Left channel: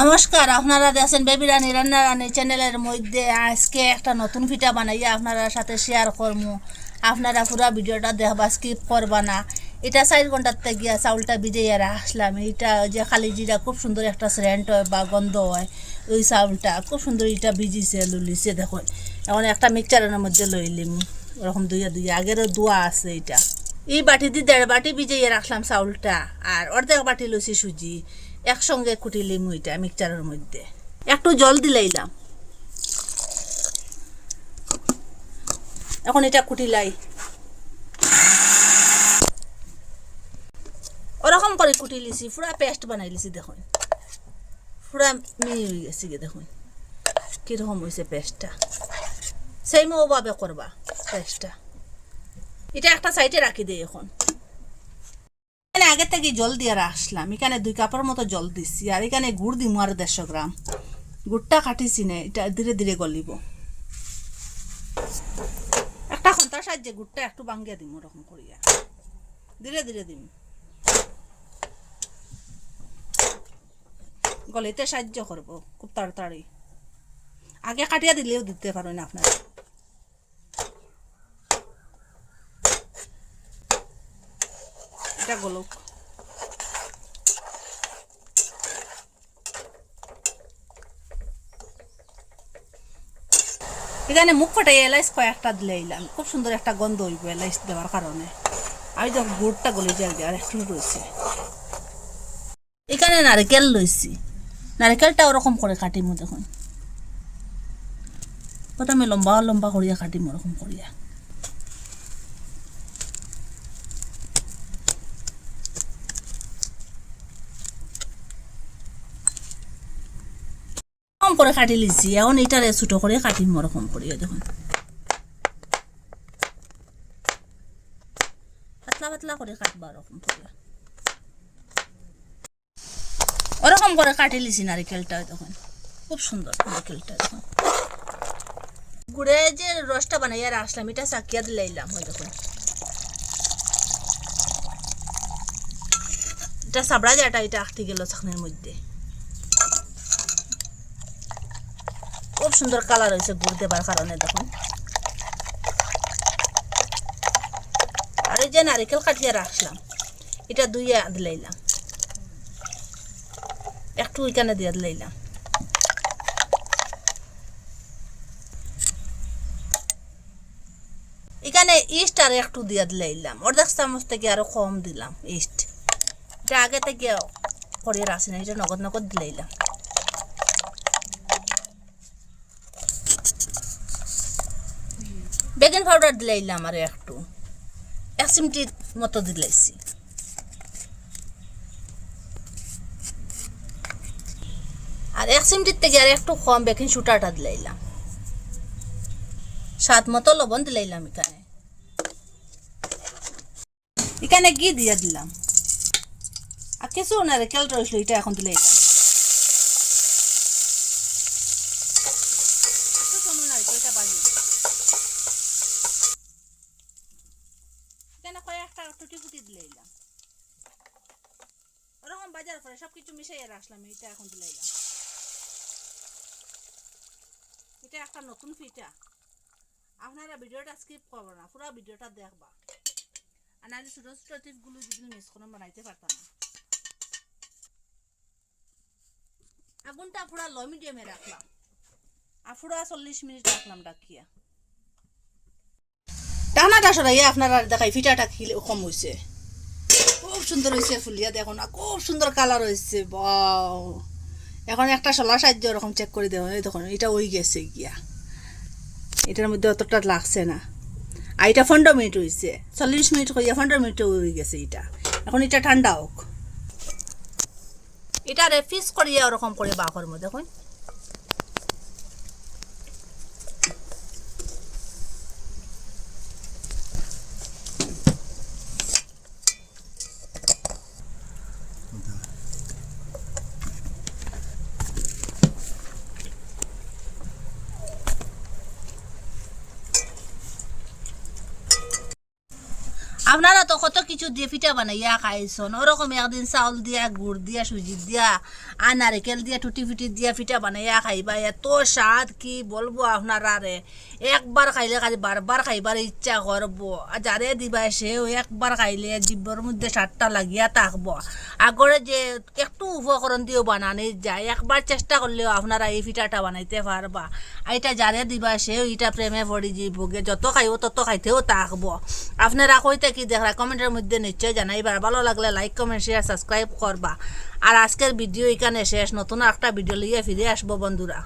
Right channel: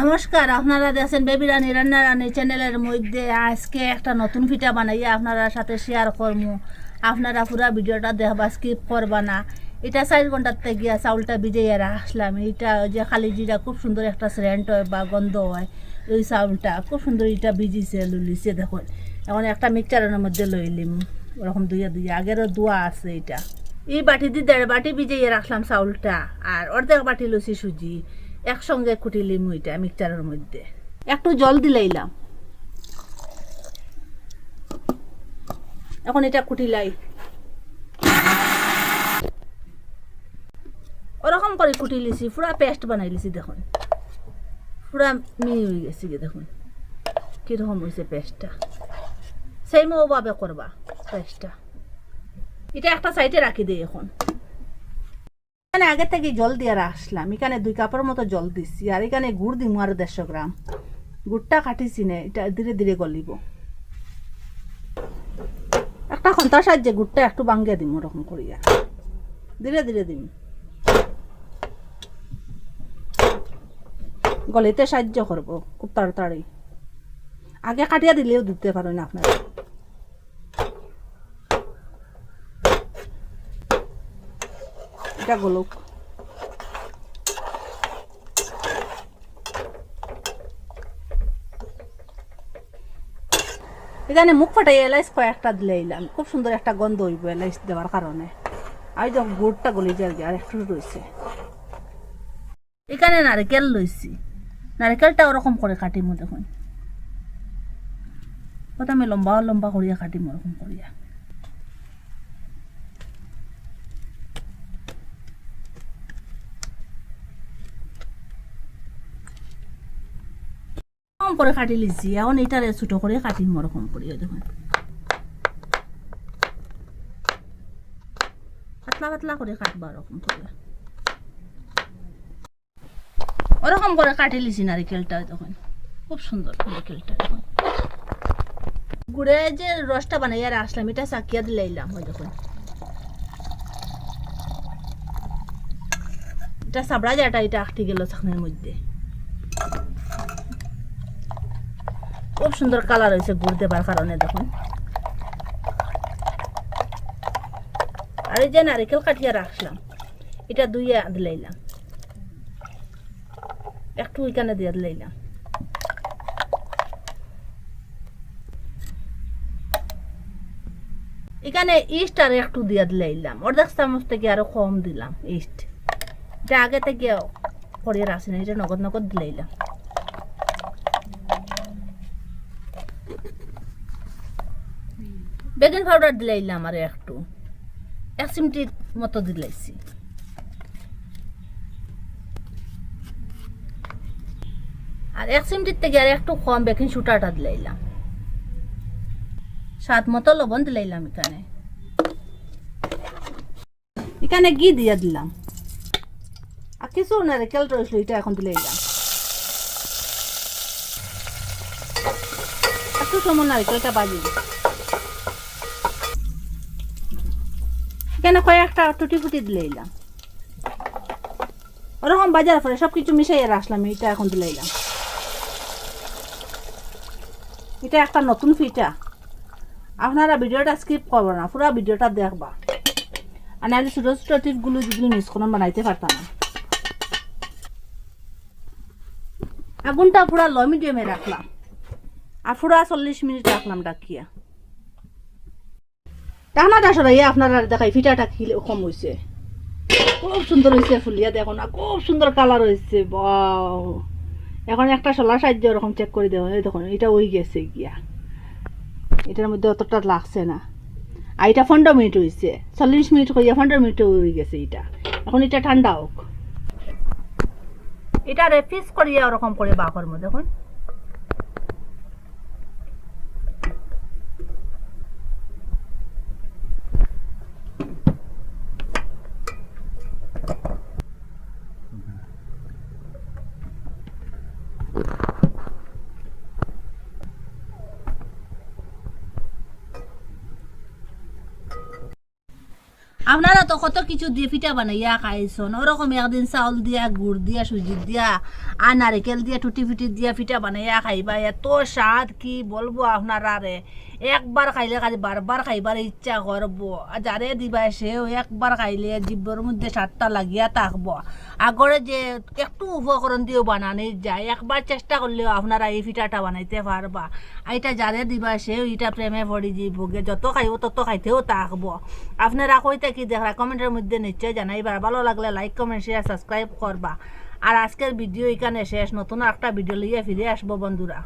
নমস্কার, আপনারা দেখছেন বেবি রানী রান্না রানী চ্যানেলের মধ্যে আজকে একটা নতুন পিঠা বানাইয়া আপনারা সাথে শেয়ার করবো। আপনারা পুরো ভিডিওটা দেখবা, স্কিপ করবা না। এটা 4 ঘন্টাতে গিয়া চাউলটা ভিজাইয়া রাখলাম। এটা যে খালি জিরা খুব সুন্দর একটা সেন্ট হয় বা গন্ধ হয়, ওই চাউলটা খুব সুন্দর এটা ভিজিছে লুলিছে। দেখো এখন একটা মিক্সচারের মধ্যে লইলিম, ওরকম দুইয়া আগেরও দোয়া আছে। এটা এই বাটি দিয়ে 1.5 বাটি ভিজাইয়া রাখলাম চাউলটা, আর অর্ধেক বাটি লইছি সুজি। একসঙ্গে কুটিলিম ওইটা মিক্সচারের মধ্যে, একটু জল দিলাইলাম। এখন এটা কুটিলাই, ওরকম করে কুটি লিছি, পুরা পেস্ট বানাই লিছি। দেখুন পুরা মিহি হয়ে গেছে, দেখুন কীরকম হয়েছে পেস্টটা। সেইমভাবে করবা পেস্টটা। এটা একটা সাইডে রাখি দিই। এখন এখানে আগে থেকে জল দিয়ে রাখলাম, এখানে 2 কাপের মতো জল দিচ্ছি, আর এখানে গুড় দিব আর 150 গ্রাম। গুড়টা কাটিছি না, এটা ধীরে ধীরে গলিব। একটা খন্তার সাহায্যে গুড়টা একটু ভাঙ্গিয়ে দিম, ওরকম করিয়া ধীরে ধীরে দিম, গলিতে সাহায্য করবো খুব তাড়াতাড়ি। আগে কাটিয়া দিলেও দিতে পারেন আপনারা। এটা গলুক। এখানে মুখ ফাটাই এলাইচ কয়েকটা দিলাম, খুব সুন্দর একটা গন্ধ হইব এলাইচ দেওয়ার কারণে। আর যখন গুড়টা গলি যায় আর একটু রয়েছে। এখানে নারকেল লইছি, নারকেলটা ওরকম করে কাটিমো। দেখুন প্রথমে লম্বা লম্বা করিয়া কাটিমো, ওরকম করিয়া। করে কাটি লিছি, এখন এটারে ছোটো করে কাটিম, ওরকম করিয়া। দেখুন পাতলা পাতলা করে কাটবা, ওরকম করিয়া। ওরকম করে কাটি লিছি নারিকেলটা। দেখুন খুব সুন্দর নারিকেলটা। দেখুন গুড়ে যে রসটা বানাইয়া রাখলাম, এটা চাকিয়া দিলাইলাম। ওই দেখুন এটা সাবড়া যাটা, এটা আটকে গেল চাকনের মধ্যে। খুব সুন্দর কালার হয়েছে গুড় দেবার কারণে। দেখুন আর এই যে নারিকেল কাটিয়া রাখলাম, এটা দুইয়া দিলাইলাম, একটু ওইখানে দিয়ে দিলাইলাম। এখানে ইস্ট আর একটু দিয়ে দিলাইলাম, 1/2 চামচ থেকে আরো কম দিলাম ইস্ট। এটা আগে থেকে করিয়ে রাখছি না, এটা নগদ নগদ দিলাইলাম। বেকিং পাউডার দিলাইলাম আর একটু, 1 চিমটি মতো দিলাইছি। আর 1 চিমটির থেকে আর একটু কম বেকিং সোডাটা দিলাইলাম। স্বাদ মতো লবণ দিলাইলাম। এখানে ঘি দিয়ে দিলাম, আর কিছু নারকেল রয়েছিল, এটা এখন দিলাইলাম। একটু সময় নারকেলটা বাজি। এখানে কয়েকটা টুটি ফুটি দিলাইলাম, ওরকম বাজার পরে সবকিছু মিশাইয়া রাখলাম। এটা এখন দিলাইলাম। এটা একটা নতুন পিঠা, আপনারা ভিডিওটা স্কিপ করবো না, পুরো ভিডিওটা দেখবা। আর নাহলে ছোটো ছোটো টিপগুলো যদি মিস করে বানাইতে পারতাম না। আগুনটা পুরা লো মিডিয়ামে রাখলাম, আর পুরা 40 মিনিট রাখলাম ডাকিয়া। টানাটা সরাইয়া আপনারা দেখাই পিঠাটা কি কম হয়েছে। খুব সুন্দর হয়েছে ফুলিয়া, দেখো না খুব সুন্দর কালার হয়েছে। বাও, এখন একটা শলার সাহায্য ওরকম চেক করে দেবো। দেখুন এটা ওই গেছে গিয়া, এটার মধ্যে অতটা লাগছে না। আর এটা 15 মিনিট হয়েছে, 40 মিনিট করিয়া 15 মিনিট হয়ে গেছে এটা। এখন এটা ঠান্ডা হোক, এটা রেফ্রিজ করিয়া ওরকম করে বাকর মধ্যে। দেখুন আপনারা তো কত কিছু দিয়ে পিঠা বানাইয়া খাইছেন, ওরকম একদিন চাউল দিয়া গুড় দিয়া সুজি দিয়া আর নারিকেল দিয়া টুটি ফুটি দিয়া পিঠা বানাইয়া খাইবা, এত স্বাদ কি বলবো আপনারা রে। একবার খাইলে খালি বারবার খাইবার ইচ্ছা করবো, আর যারে দিবা সেও একবার খাইলে জিব্বর মধ্যে স্বাদটা লাগিয়া থাকবো। আগরে যে একটু উপকরণ দিয়েও বানানো যায়, একবার চেষ্টা করলেও আপনারা এই পিঠাটা বানাইতে পারবা। এটা যারে দিবা সেও এটা প্রেমে পড়ি যাইবগে, যত খাইব তত খাইতেও থাকবো। আপনারা কইতে কি দেখরা কমেন্টের মধ্যে নিশ্চয় জানাইবা, ভালো লাগলে লাইক কমেন্ট শেয়ার সাবস্ক্রাইব করবা। আর আজকের ভিডিও এখানে শেষ, নতুন একটা ভিডিও লিয়ে ফিরে আসবো বন্ধুরা।